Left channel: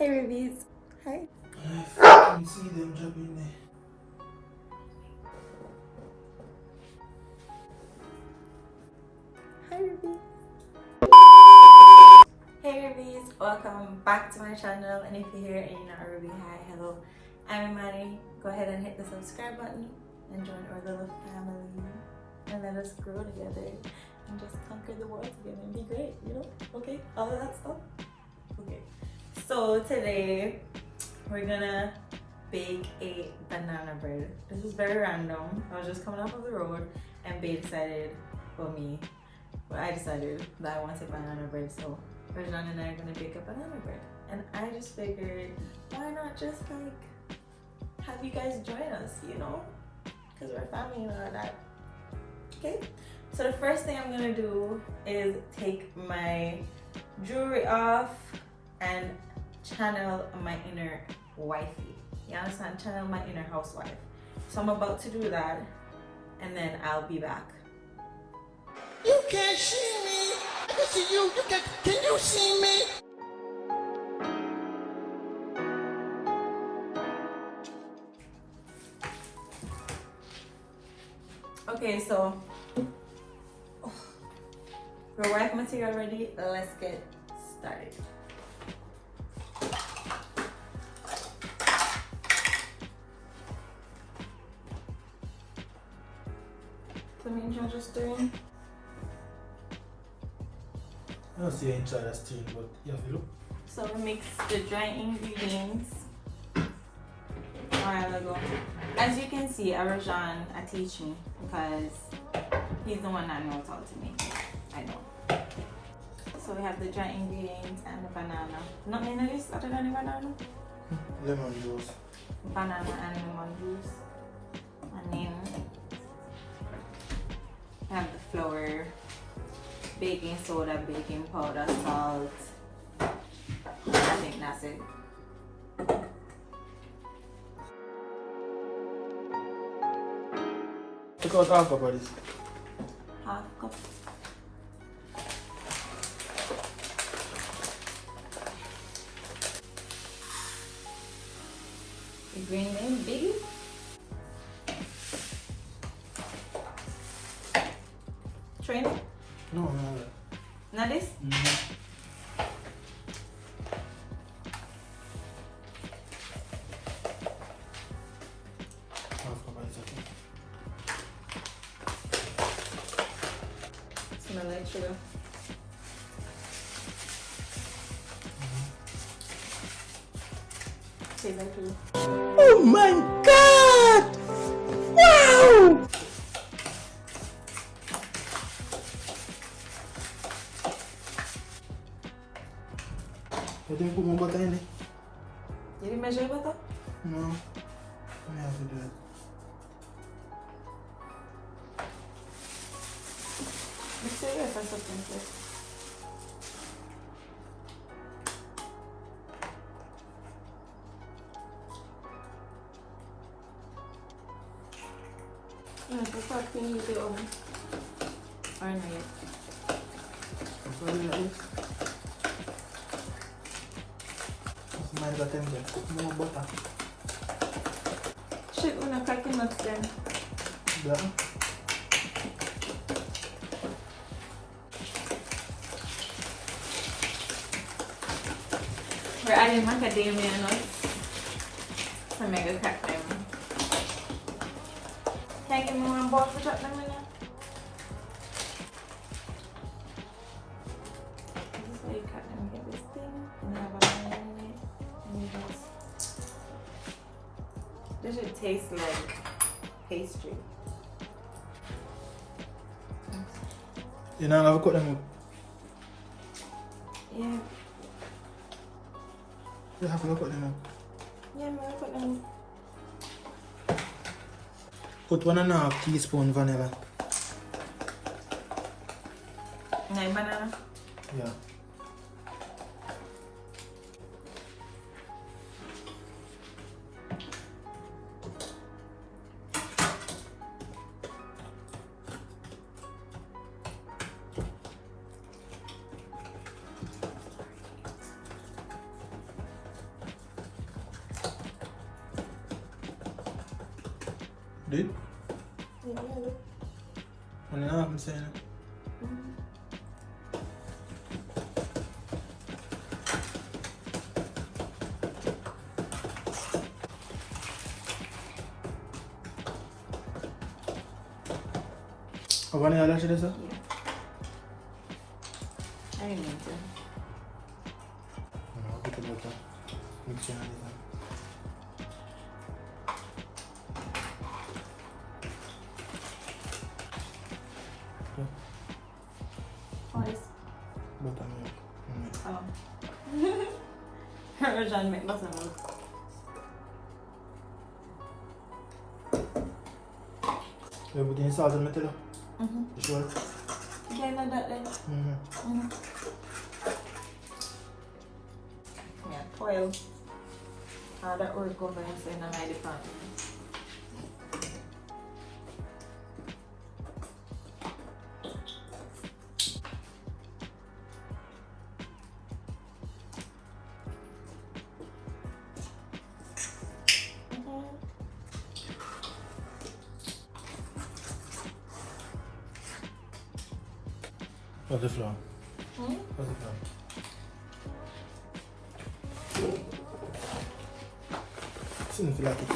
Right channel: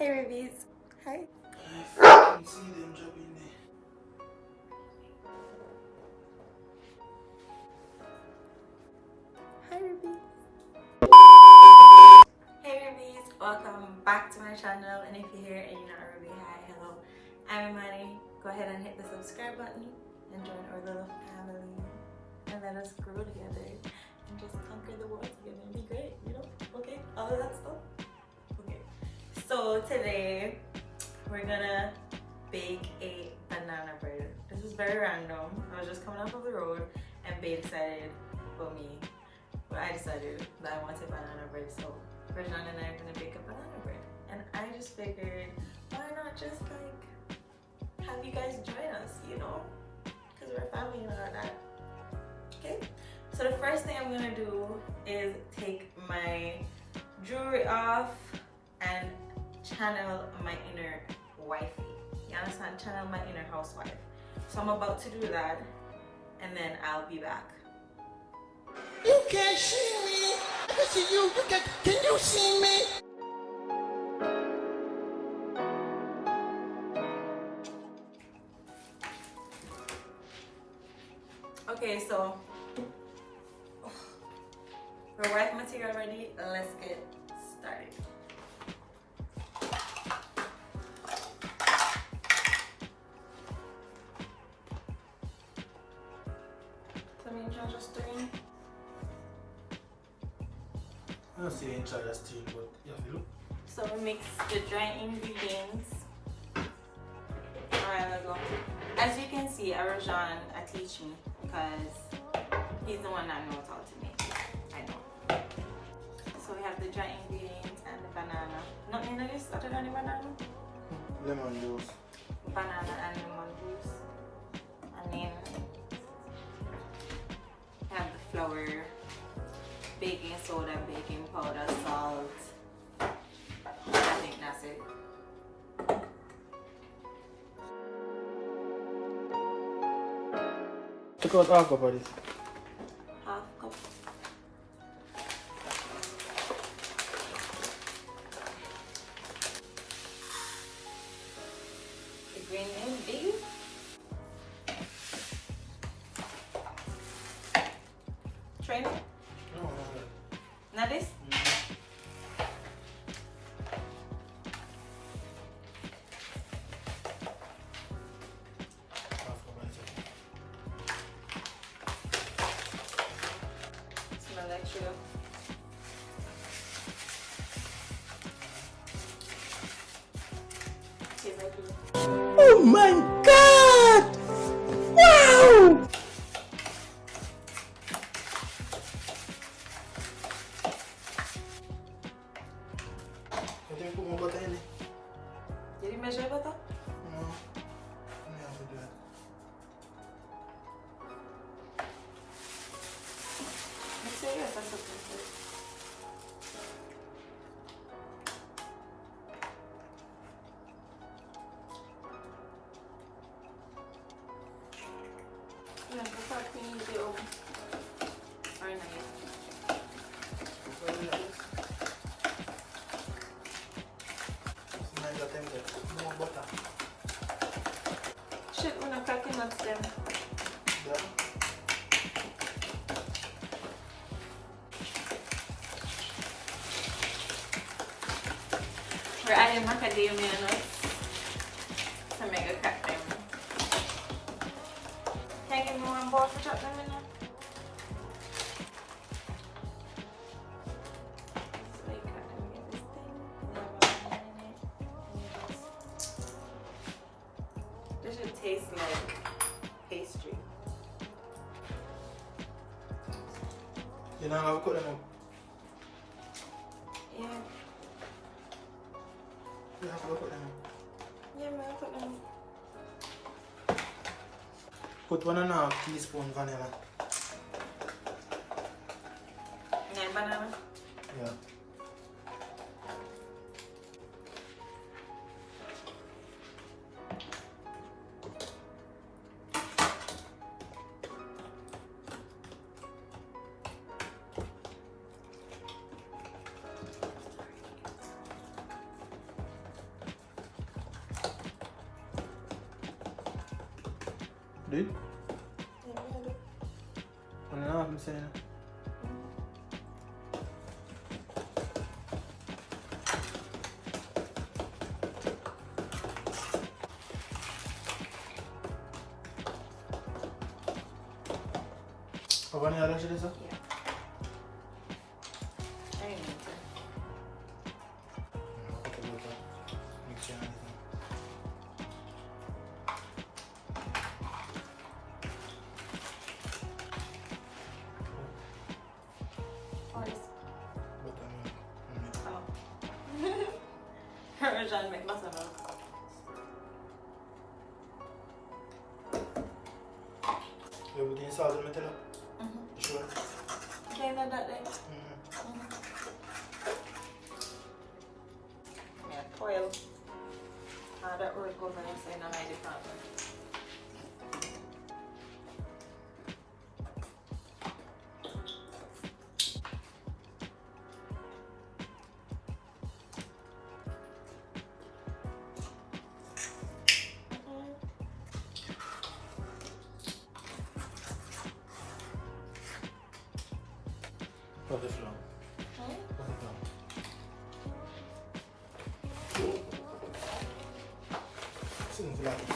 Hey Rubies. Hi. I can see them dropping there. Hi Rubies. Hey Rubies, welcome back to my channel. And if you're here and you're not a Ruby, hi, hello. I'm Imani. Go ahead and hit the subscribe button and join our little family. And let us grow together and just conquer the world together and be great, you know? Okay? All of that stuff? Okay. So today we're gonna bake a banana bread. This was very random. I was just coming off of the road and Babe decided, I decided that I wanted banana bread, so Reginald and I are gonna bake a banana bread. And I just figured, why not just like have you guys join us, you know? Because we're family and all that. Okay? So the first thing I'm gonna do is take my jewelry off and channel my inner wifey. You understand? Channel my inner housewife. So I'm about to do that and then I'll be back. You can't see me. I can see you. Can you see me? Okay, so we're wife material ready. Let's get started. So me and John just doing. I don't see any child still, but you have to look. So we mix the dry ingredients a while ago. As you can see, Arajan teach me because he's the one that knows how to make it. I don't. So we have the dry ingredients and the banana. Nothing in this other than the banana? Lemon juice. Banana and lemon juice. And then we have the flour, baking soda, baking powder, salt. I think that's it. Take out half of this. Half cup. The green bean beef. Train it? No. Not this? Smell like sugar. Tastes like sugar. Oh my God! Wow! I didn't put more butter in it. You didn't measure butter? No. I have to do it. Mix it or something first. Yes, I thought we need the oven. Or not yet. What's my butter in it? Put more butter. Shit, when I'm cracking nuts them. Yeah. We're adding macadamia nuts to make a crack them. Can you give me one bowl to chop them in there? This is how you cut them. You get this thing, and you have a line in it, and you just... This should taste like pastry. You know, I've cut them up. Yeah. You have to cut them up. Yeah, man, I put them. Put 1.5 teaspoon vanilla. And banana. Yeah. Did? Yeah, look. Well, I'm saying. How many are there, sir? Yeah. I didn't mean to. What is? Buttermilk. Oh. We're trying to make buttermilk. You put in salt and metal? Mm-hmm. You sure? Okay, like that then. Mm-hmm. Mm-hmm. Yeah, 12. How that work over here in my department. What's the flour? Hmm? What's the flour? Seems like it.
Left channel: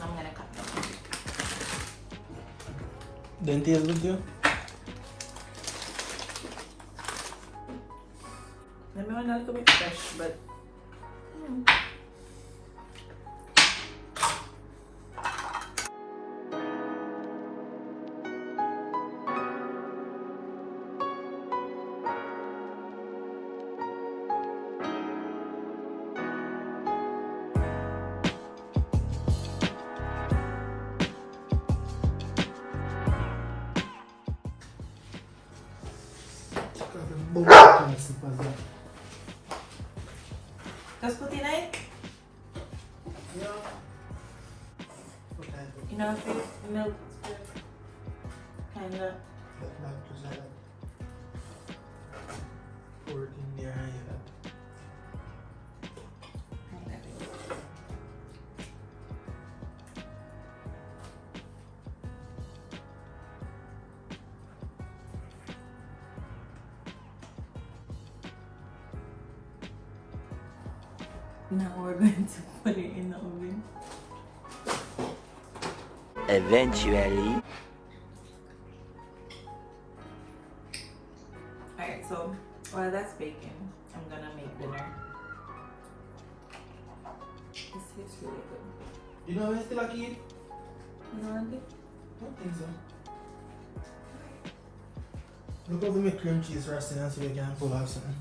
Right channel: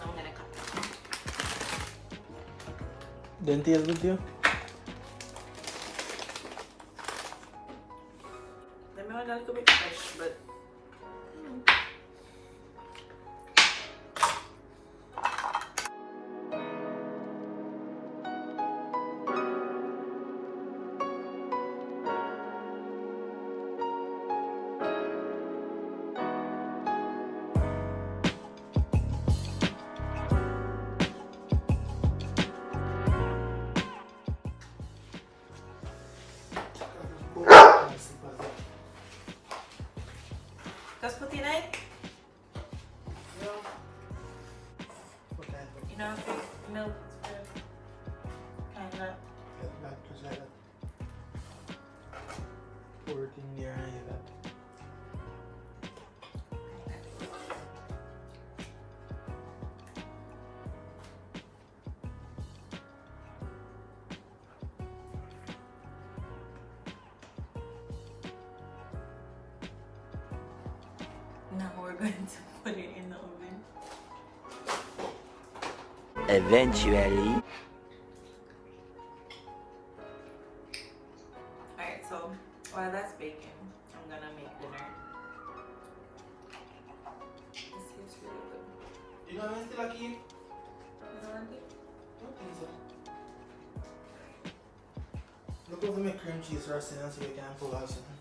I'm gonna cut them. Then taste good to you? Let me want a little bit fresh, but just put in it. You know, if it's milk, kind of. Now we're going to put it in the oven. Eventually. Alright, so while that's baking, I'm gonna make dinner. This tastes really good. You know, I'm still a kid. You know what I think? I don't think so. Look over my cream cheese roasting and see if you can pull out something.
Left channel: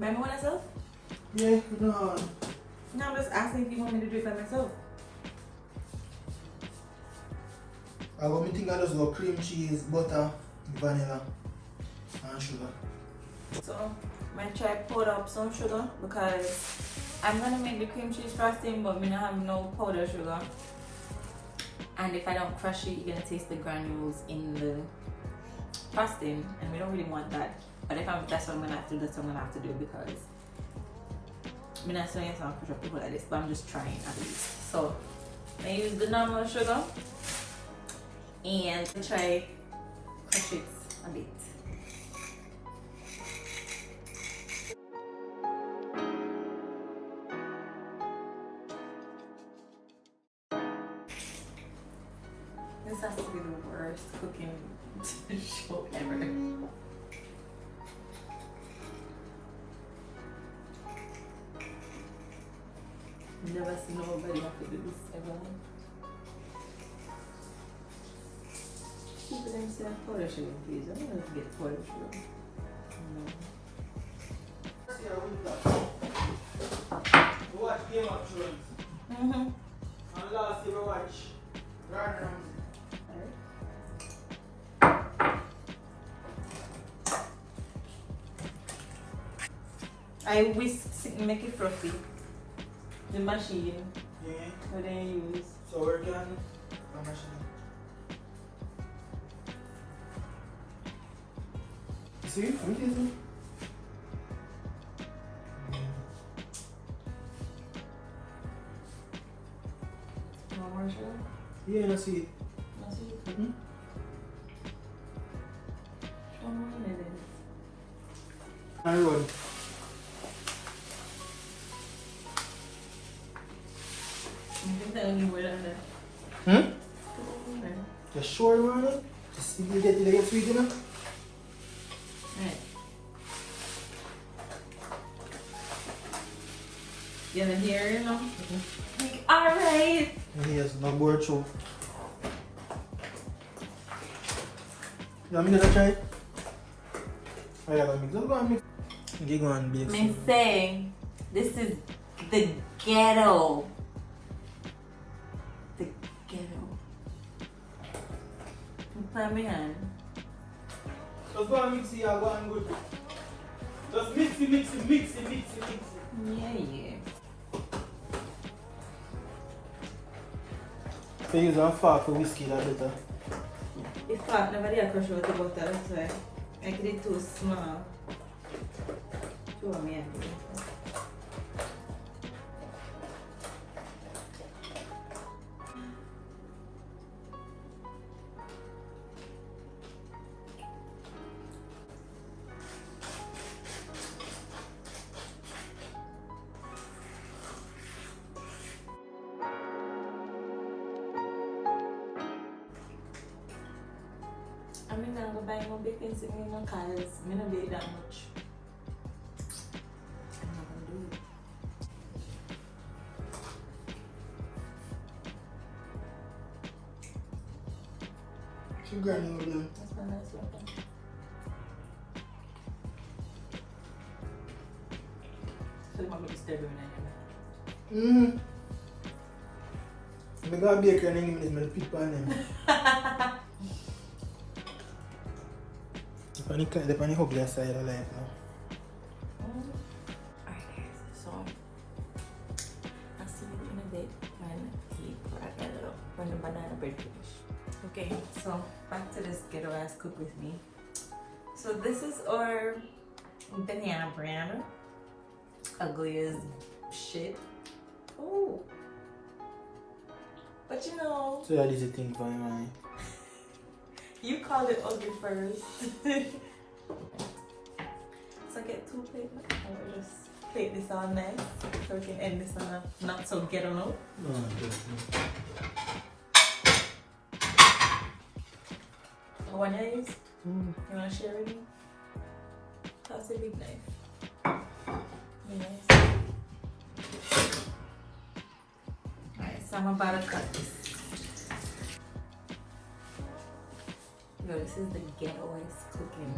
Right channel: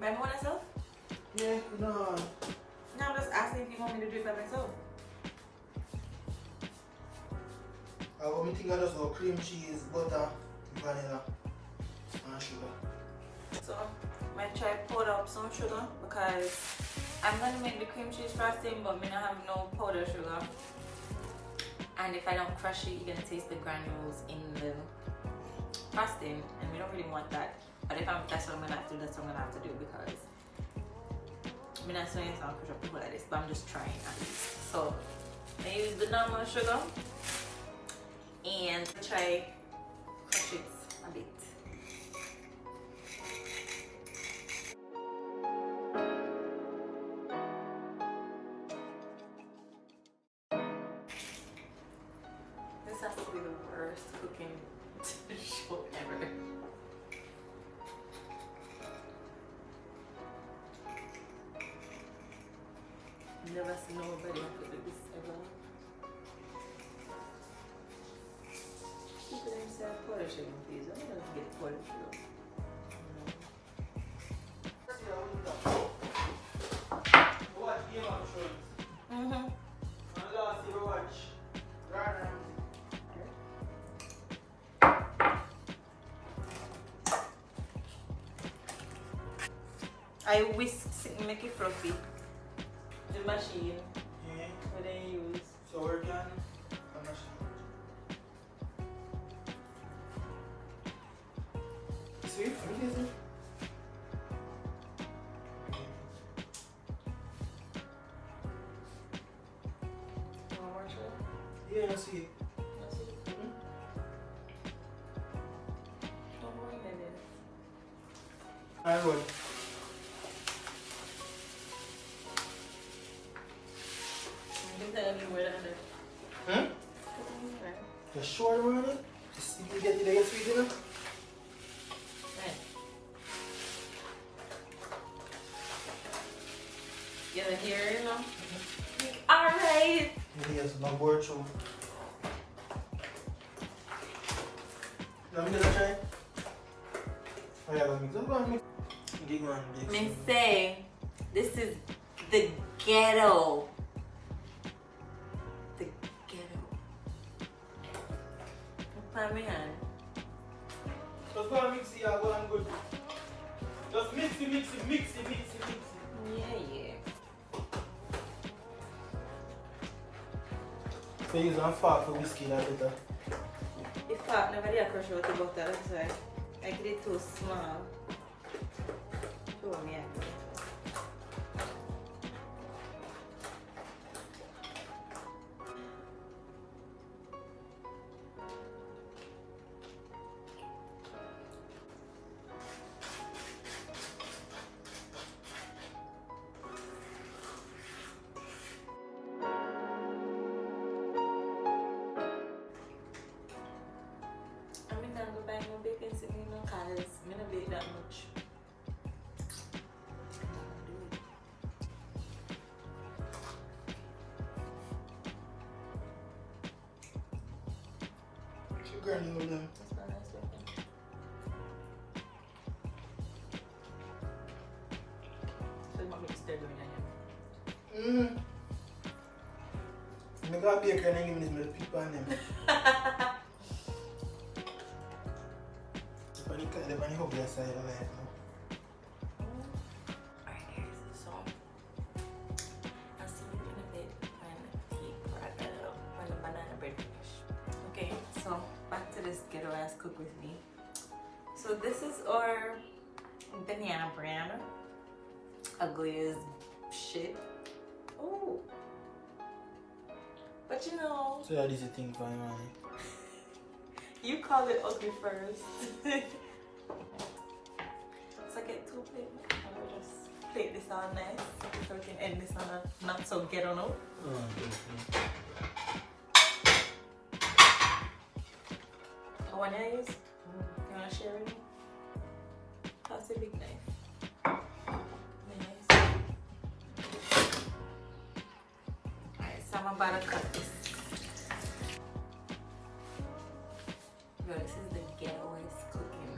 Buy me one myself? Yeah, no. No, I'm just asking if you want me to do it by myself. I want me to think I just go cream cheese, butter, vanilla, and sugar. So I'm gonna try to powder up some sugar because I'm gonna make the cream cheese frosting, but I don't have no powder sugar. And if I don't crush it, you're gonna taste the granules in the frosting, and we don't really want that. But if that's what I'm gonna have to do, that's what I'm gonna have to do because I'm not saying it's not crush up people like this, but I'm just trying at least. So I use the normal sugar and try crush it a bit. This has to be the worst cooking show ever. I've never seen nobody have to do this ever. People them say powder sugar, please. I don't know to get powder sugar. No. Watch Game of Thrones. Mm-hmm. And last year we watch I whisk, make it fluffy. The machine, yeah. what I use. So we're done. See? You tease me? More sugar? Yeah, let's see. That's it. Mm-hmm. One more minute. And roll. You can tell me where that is. Hmm? You sure, man? Just think you get sweet enough? Right. Get it here, you know? Alright! Yes, no more choke. You want me to try it? Yeah, I'll mix. Let's go and mix. Okay, go on, mix. Me say, this is the ghetto. The ghetto. Put my hand. Just go and mix it, yeah, go and good. Just mix it. Yeah, yeah. So use one fork for whiskey, that's it. If I never did crush out the butter, that's why. I get it too small. Show me and do it. I'm not gonna go buy no baking soda no cause I don't bake that much. I'm not gonna do it. Some garlic over there. That's my nice weapon. So you want me to stir them in Mm. I got a baker and then give me the people on them. The funny hope that side of life now. Alright guys, so I'll see you in a bit when the banana bread finish. Okay, so back to this ghetto ass cook with me. So this is our banana bread. Ugly as shit. Oh. But you know, So that is the thing going on. you called it ugly first. So I get 2 plates. I'm gonna just plate this all nice so we can end this on a not so ghetto note. Oh, good. The one I use? You wanna share with me? That's a big knife. Nice. Alright, so I'm about to cut this. Yo, this is the ghettoest cooking.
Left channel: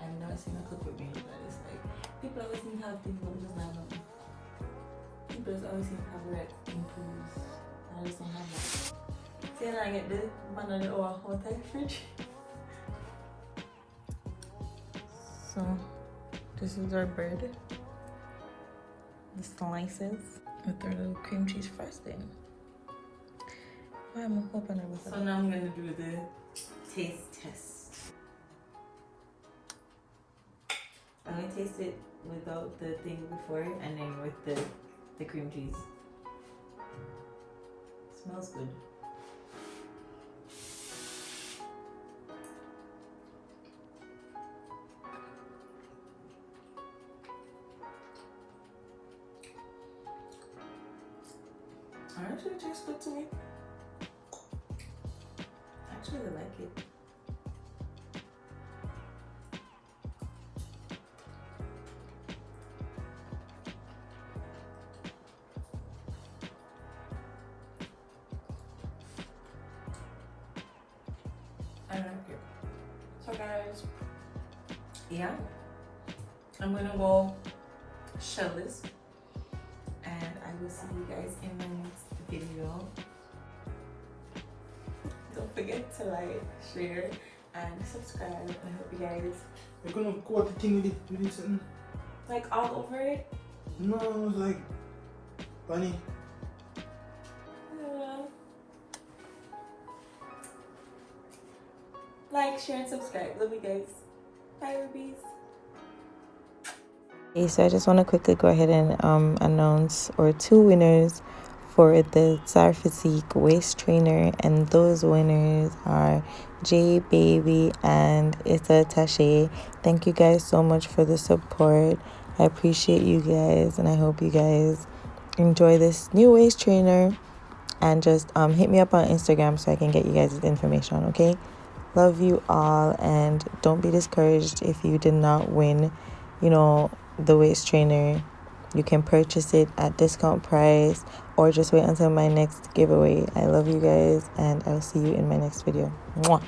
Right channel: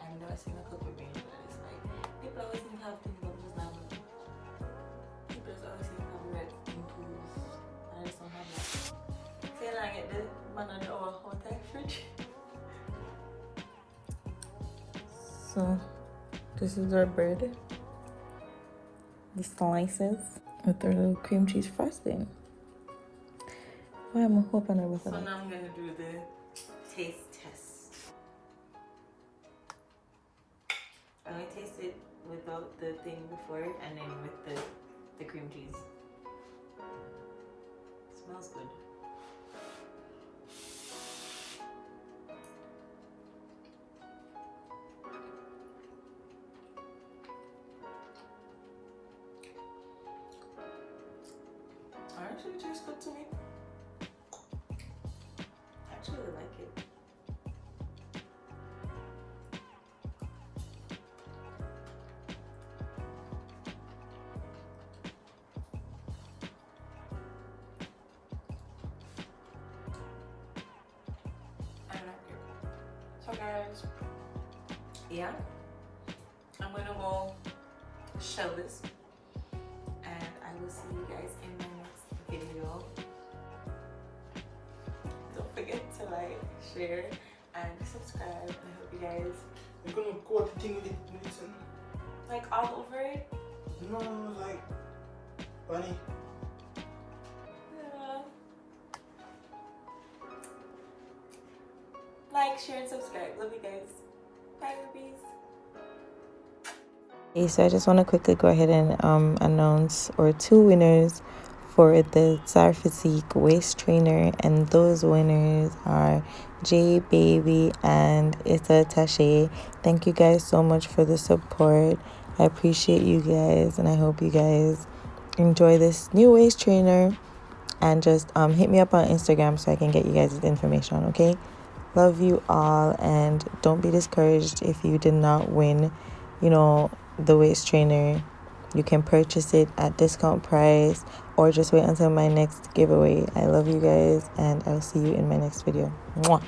I know it's gonna cook with me, but it's like people always seem to have things that just not me. People just always seem to have like improve. I just don't have that. See, now I get the banana or hot fridge. So this is our bread. The slices with our little cream cheese frosting. Why am I hoping I was so now I'm gonna do the taste test. I'm gonna taste it without the thing before and then with the cream cheese. Smells good. Actually, it tastes good to me. Actually, I like it. I like it. So guys, yeah, I'm gonna go shell this. And I will see you guys in the next video. Don't forget to like, share, and subscribe. And I hope you guys You're gonna coat the thing with it something. like all over it. No, it was like funny. Yeah. Like, share, and subscribe. Love you guys. Bye, Rubies. Okay, so I just want to quickly go ahead and announce our 2 winners for the Tsar Physique waist trainer, and those winners are J Baby and Issa Tache. Thank you guys so much for the support. I appreciate you guys, and I hope you guys enjoy this new waist trainer. And just hit me up on Instagram so I can get you guys information, okay? Love you all, and don't be discouraged if you did not win, the waist trainer. You can purchase it at discount price or just wait until my next giveaway. I love you guys, and I'll see you in my next video. Mwah.